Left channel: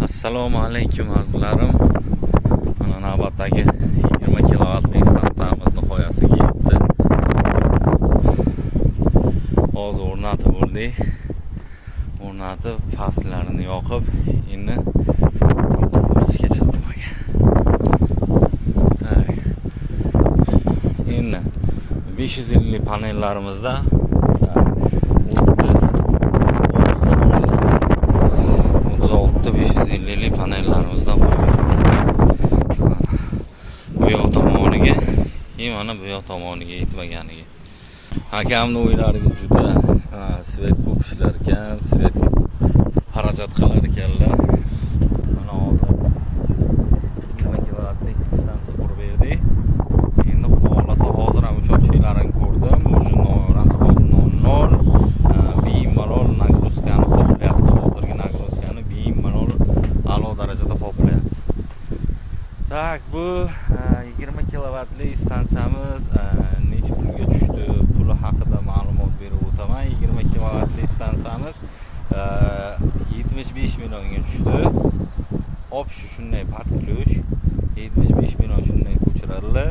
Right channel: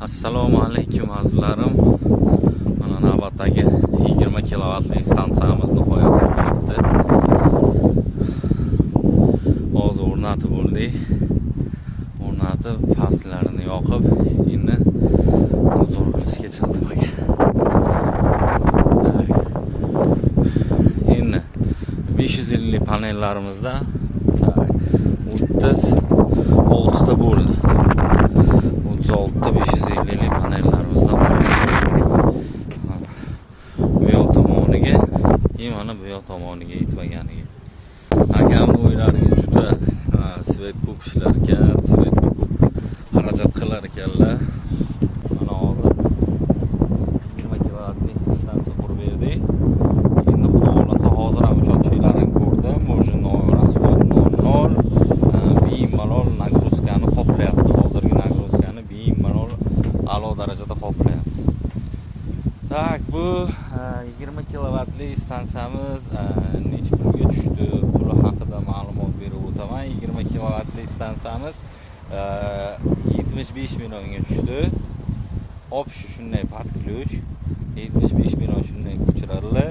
Assalomu alaykum azizlarim. Mana navbatdagi 20 kilovatlik stansiyamiz nihoyasiga yetdi. Hozir o'rnatib bo'ldik. O'rnatib, faslarini yoqib, endi hozir o'rishga chiqdim ekan. Endi 550 panellarimizda 36 ta bo'ldi. 36 550 panellarimizdan bu yoq tomoniga, mana bu yoq tomoniga yetmaganiga. Akamni o'ylariga juda svet ko'p ishlar ekan, svetga xarajat qilar ekanlar. Mana hozir 20 kilovatlik stansiya qurib berdik. Endi xudo xolasa hozir ham uchoqchilarini ko'rdim. O'sha rasxod 00 bemalol nagruskani qoplayapti. Hozirgi nagruskani bemalol a'lo darajada qoplayapti. Tak, bu 20 kilovatlik stansiyamiz necha pulga tushdi? Puli haqida ma'lumot berib o'taman. 20 kilovatlik stansiyamiz 75 millionga tushdi. Hop, shunday podключ 75 million shunday ko'chirildi.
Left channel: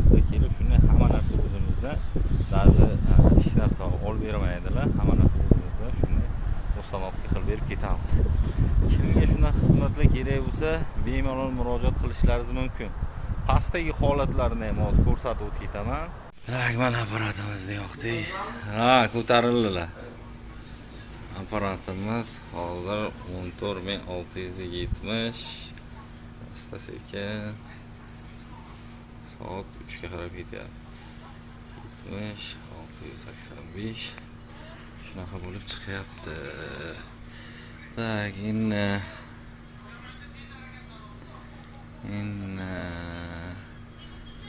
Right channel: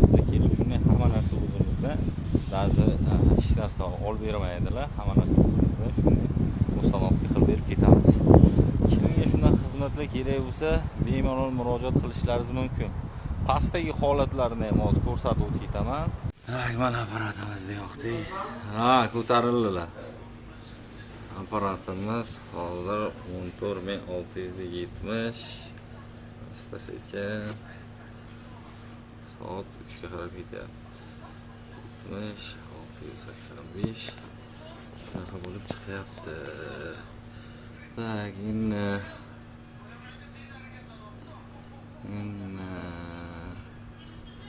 Bizga kelib shunday hamma narsa o'zimizda, ba'zi hech narsa olib bermaydilar. Hamma narsa o'zimizda shunday uстановка qilib berib ketamiz. Kimga shunday xizmatlar kerak bo'lsa, bemalol murojaat qilishlaringiz mumkin. Pastdagi holatlarni ham hozir ko'rsatib o'tib ketaman. Tak, mana apparatimizni yoqdik. Ko'tarildilar. Apparatimiz hozir 14670. Asta-sekin soat 3 ga qarab ketyapti. 70 685 shunaqa bo'lib chiqyapti. Tak, endi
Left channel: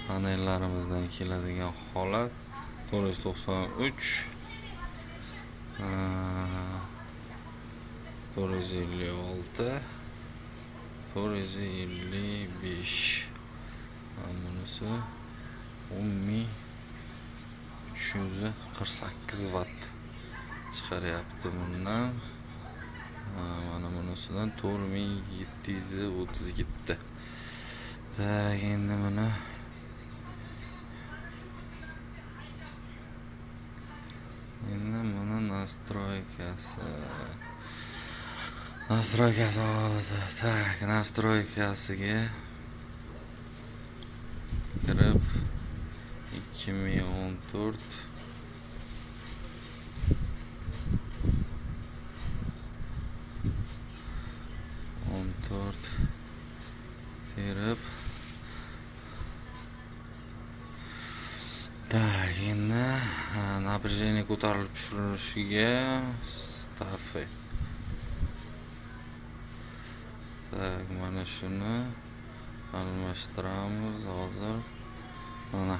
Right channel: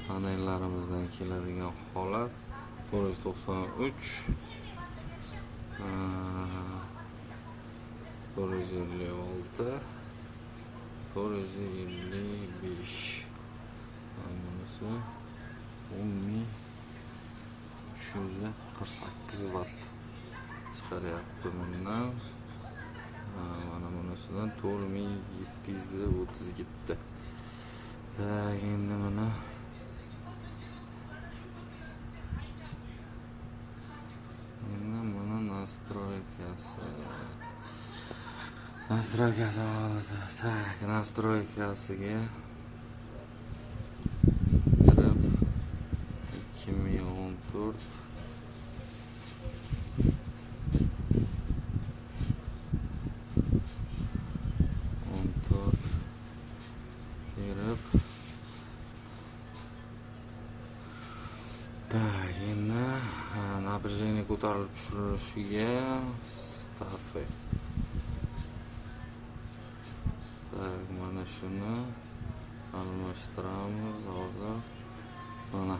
panellarimizdan keladigan holat 493 456 455 bunisi 10348 watt chiqaryapti bundan. Mana bunisidan 4737. Tak, endi mana настройкасы hozir. Tak, настройкasiga kirib 2014 terib. Tak, endi напряжение ko'tarilib tushirilishiga ставка. Tak, mana shuni almashtiramiz hozir. Mana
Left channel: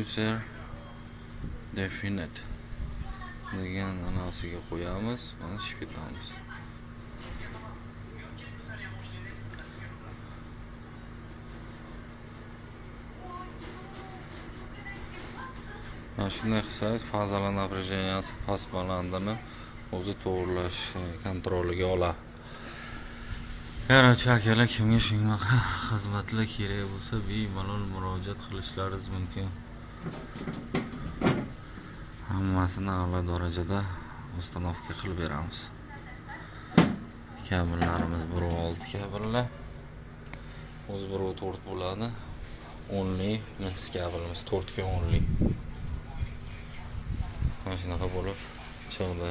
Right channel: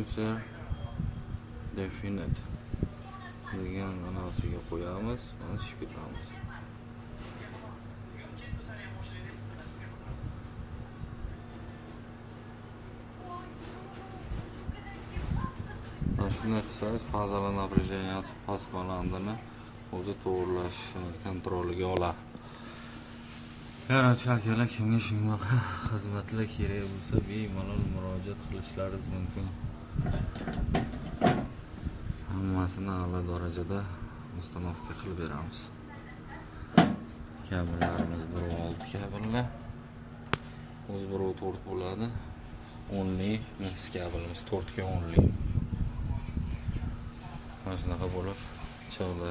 user definite degan anasiga qo'yamiz, mana ishib ketamiz. Mana shunday qilsangiz fazalar напряженияsi past balandini o'zi to'g'rilash kontroliga oladi. Yaratuvchi akalar kimga shunaqa xizmatlar kerak bo'lsa, bemalol murojaat qilishlaringiz mumkin. Hammasini a'lo darajada uстановка qilib beramiz. Kabellarimiz 1.6 kabellar. O'zi 1.4 bo'ladi. Only max kabelimiz 4 ga only. Mana shunaqa bo'lib chiqdi.